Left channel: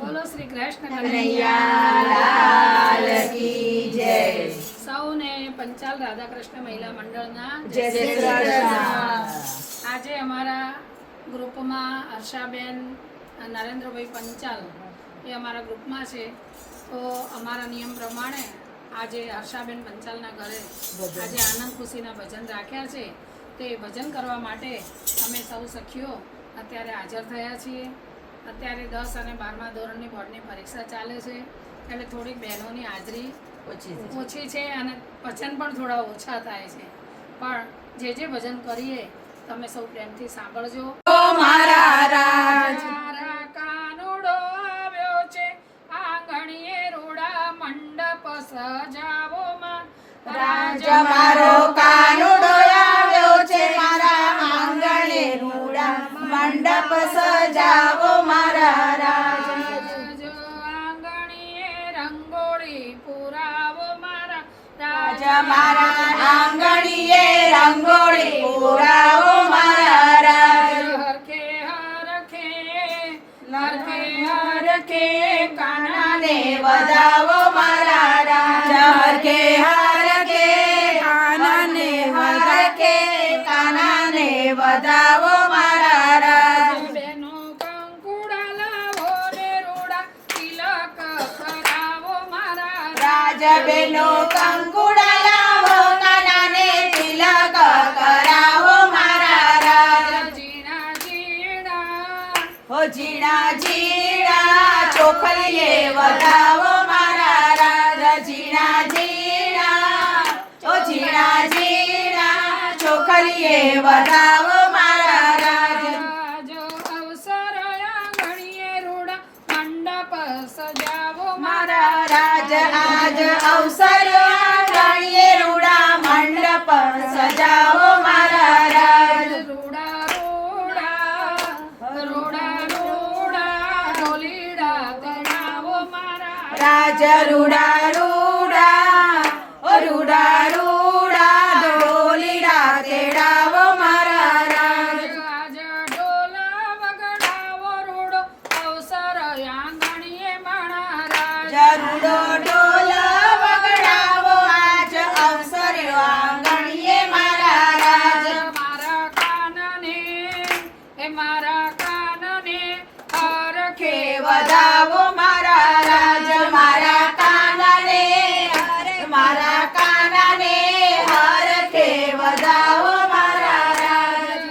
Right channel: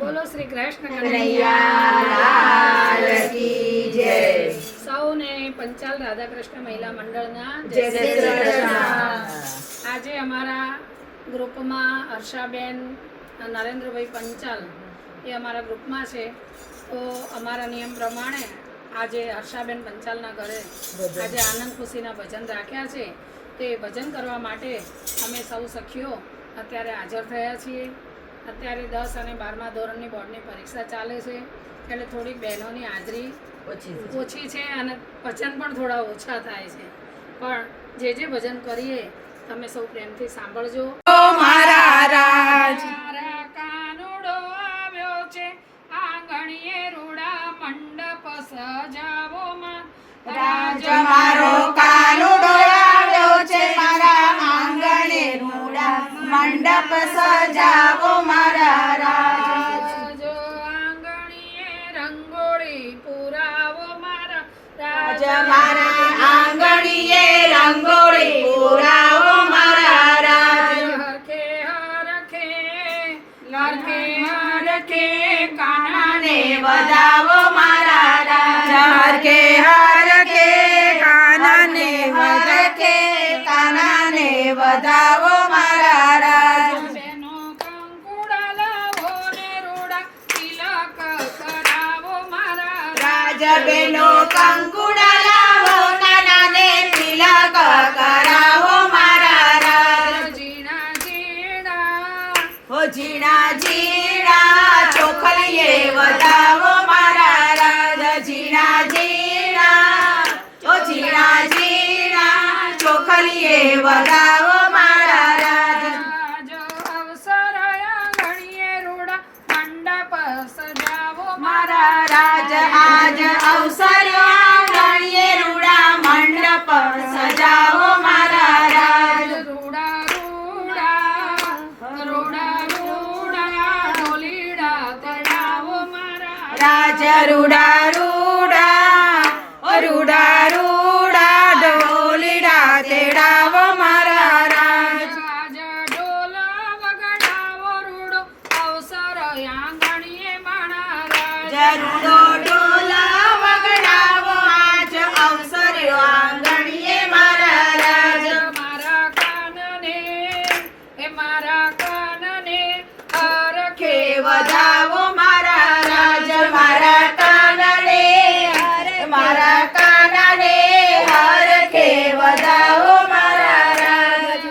બોલો શ્રી કૃષ્ણ કનૈયા કી જય. સૌને પંચાલ રાધાકૃષ્ણ મહિલા મંડળના જય શ્રી કૃષ્ણ. આજે અમારા ગ્રુપમાં હર્ષાબેન નરેન્દ્રભાઈ પંચાલ એ અમારા ગ્રુપમાં છે. તો અમારા નિયમ પ્રમાણે આજે હર્ષાબેન પંચાલના ઘરે આજે આનંદ ખુશીના ભજન રાખ્યા છે. તે ભજન કરવા માટે અમે સૌ સખીઓ અત્યારે હાજર થયા છીએ. અત્યારે 10 અને 12મા ધોરણની બોર્ડની પરીક્ષા ચાલે છે, એટલે થોડીક બહેનોની હાજરી ઓછી છે અને ભજન પણ થોડા ઓછા થાય છે. પણ જે ભજન કરીએ તમે સૌ પ્રેમથી સાંભળજો. મારા રાજ મારા કાનુડો આવ્યો છે, આંગણીએ રૂડા મંડપ સજાવો માં. રાજ મારો કાનુડો આવ્યો છે, મારા આંગણે રૂડા મંડપ સજાવો મારા રાજ. આંગણીએ રંગોળી પુરાવો મારા રાજ મારા આંગણીએ રંગોળી પુરાવો મારા રાજ. હરખે હરખે હરખે હરખે કાનાને વધાવો મારા રાજ. હરખે હરખે કાનાને હરખે કાનાને વધાવો મારા રાજ. બેનો કંકુડા લાવો ને રૂડા તિલક કરાવો મારા રાજ બેનો કંકુડા લાવો, કાનાને તિલક કરાવો મારા રાજ. ઝીણા ઝીણા હો ઝીણા ઝીણા ચોખલીએ વધાવો મારા રાજ. ઝીણા ઝીણા હો ઝીણા ઝીણા ચોખલીએ વધાવો મારા રાજ. આજ અવસર આંગણીએ રૂડા મંડપ સજાવો મારા રાજ આજ અવસર આંગણીએ રૂડા મંડપ સજાવો મારા રાજ. રૂડા રૂડા રૂડા રૂડા ઢોલીડા તેડાવો મારા રાજ રૂડા રૂડા ઓ રૂડા રૂડા ઢોલીડા તેડાવો મારા રાજ. આજ ઢોલ વગાડાવો રૂડો અવસર આંગણીએ માણા રાજ. રૂડો ઢોલ વગાડાવો આજ અવસર આંગણીએ મારા રાજ. મારા કાનને મારા કાનને હરખે કે વધાવો મારા રાજ. મારા કાનને મારા કાનને હરખે વધાવો મારા રાજ.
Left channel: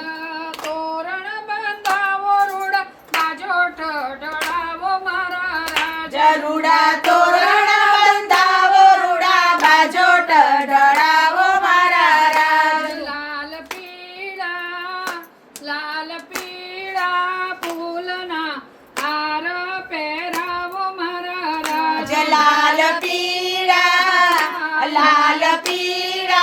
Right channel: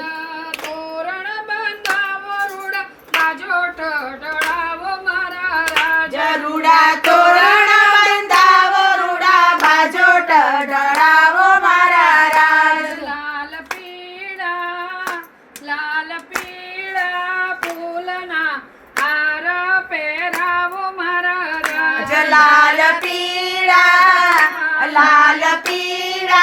તોરણ બંધાવો રૂડા બાજોટ ઢળાવો મારા રાજ. રૂડા તોરણ બંધાવો રૂડા બાજોટ ઢળાવો મારા રાજ. લાલ પીળા ફૂલના હાર પહેરાવો મારા રાજ. લાલ પીળા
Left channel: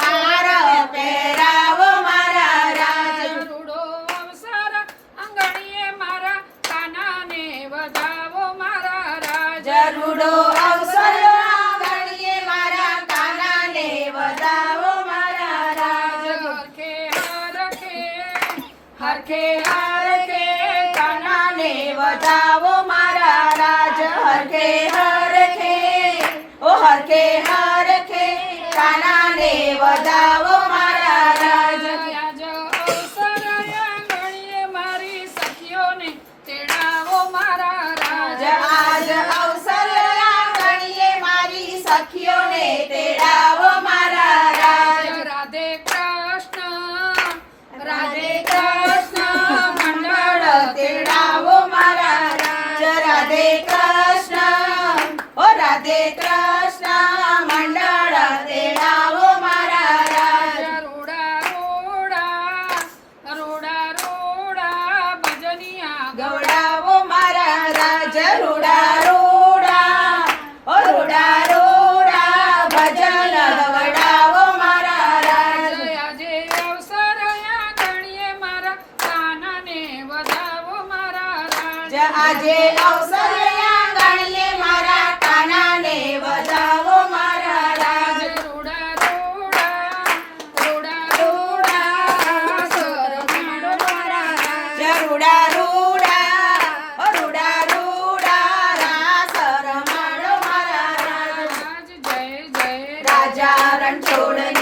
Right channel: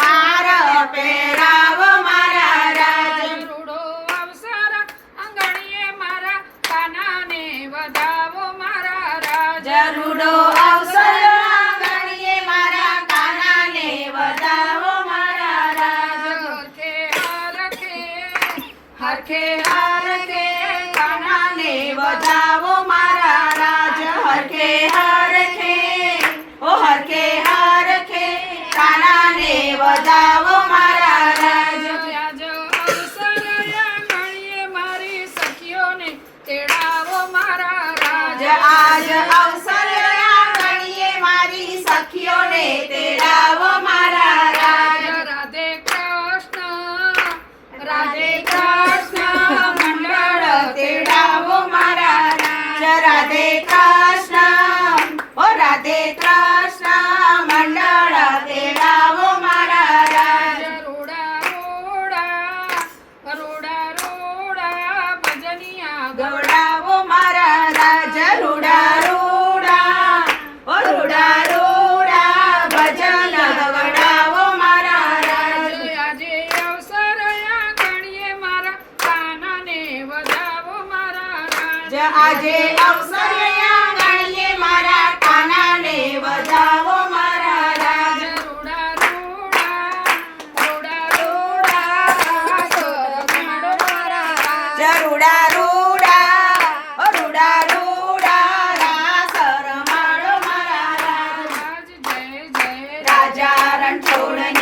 હાર પહેરાવો મારા રાજ. રૂડો અવસર આંગણીએ મારા કાનાને વધાવો મારા રાજ. રૂડો અવસર આંગણીએ મારા કાનાને વધાવો મારા રાજ. હરખે હરખે કાનાને વધાવો મારા રાજ. હરખે હરખે ઓ હરખે હરખે કાનાને વધાવો મારા રાજ. આજ અવસર આંગણીએ મારી સખીઓને તેડાવો મારા રાજ. આજ અવસર આંગણીએ મારી સખીઓને તેડાવો મારા રાજ. રાધે કૃષ્ણ મંડળ તેડાવો મારા રાજ. રાધે કૃષ્ણ ઓ રાધે કૃષ્ણ મંડળ તેડાવો મારા રાજ. રૂડા રૂડા રૂડા રૂડા ભજનિયા ગવડાવો મારા રાજ. રૂડા રૂડા ઓ રૂડા રૂડા ભજન ગવડાવો મારા રાજ. આજે અવસર આંગણીએ મારા કાનાને વધાવો મારા રાજ. આજે અવસર આંગણીએ મારા કાનાને વધાવો મારા રાજ. રૂડા રૂડા રૂડા રૂડા રૂડા રૂડા રૂડા ઓ રૂડા રૂડા રાસ રમાડો મારા રાજ જય જય રાજા રણછોડને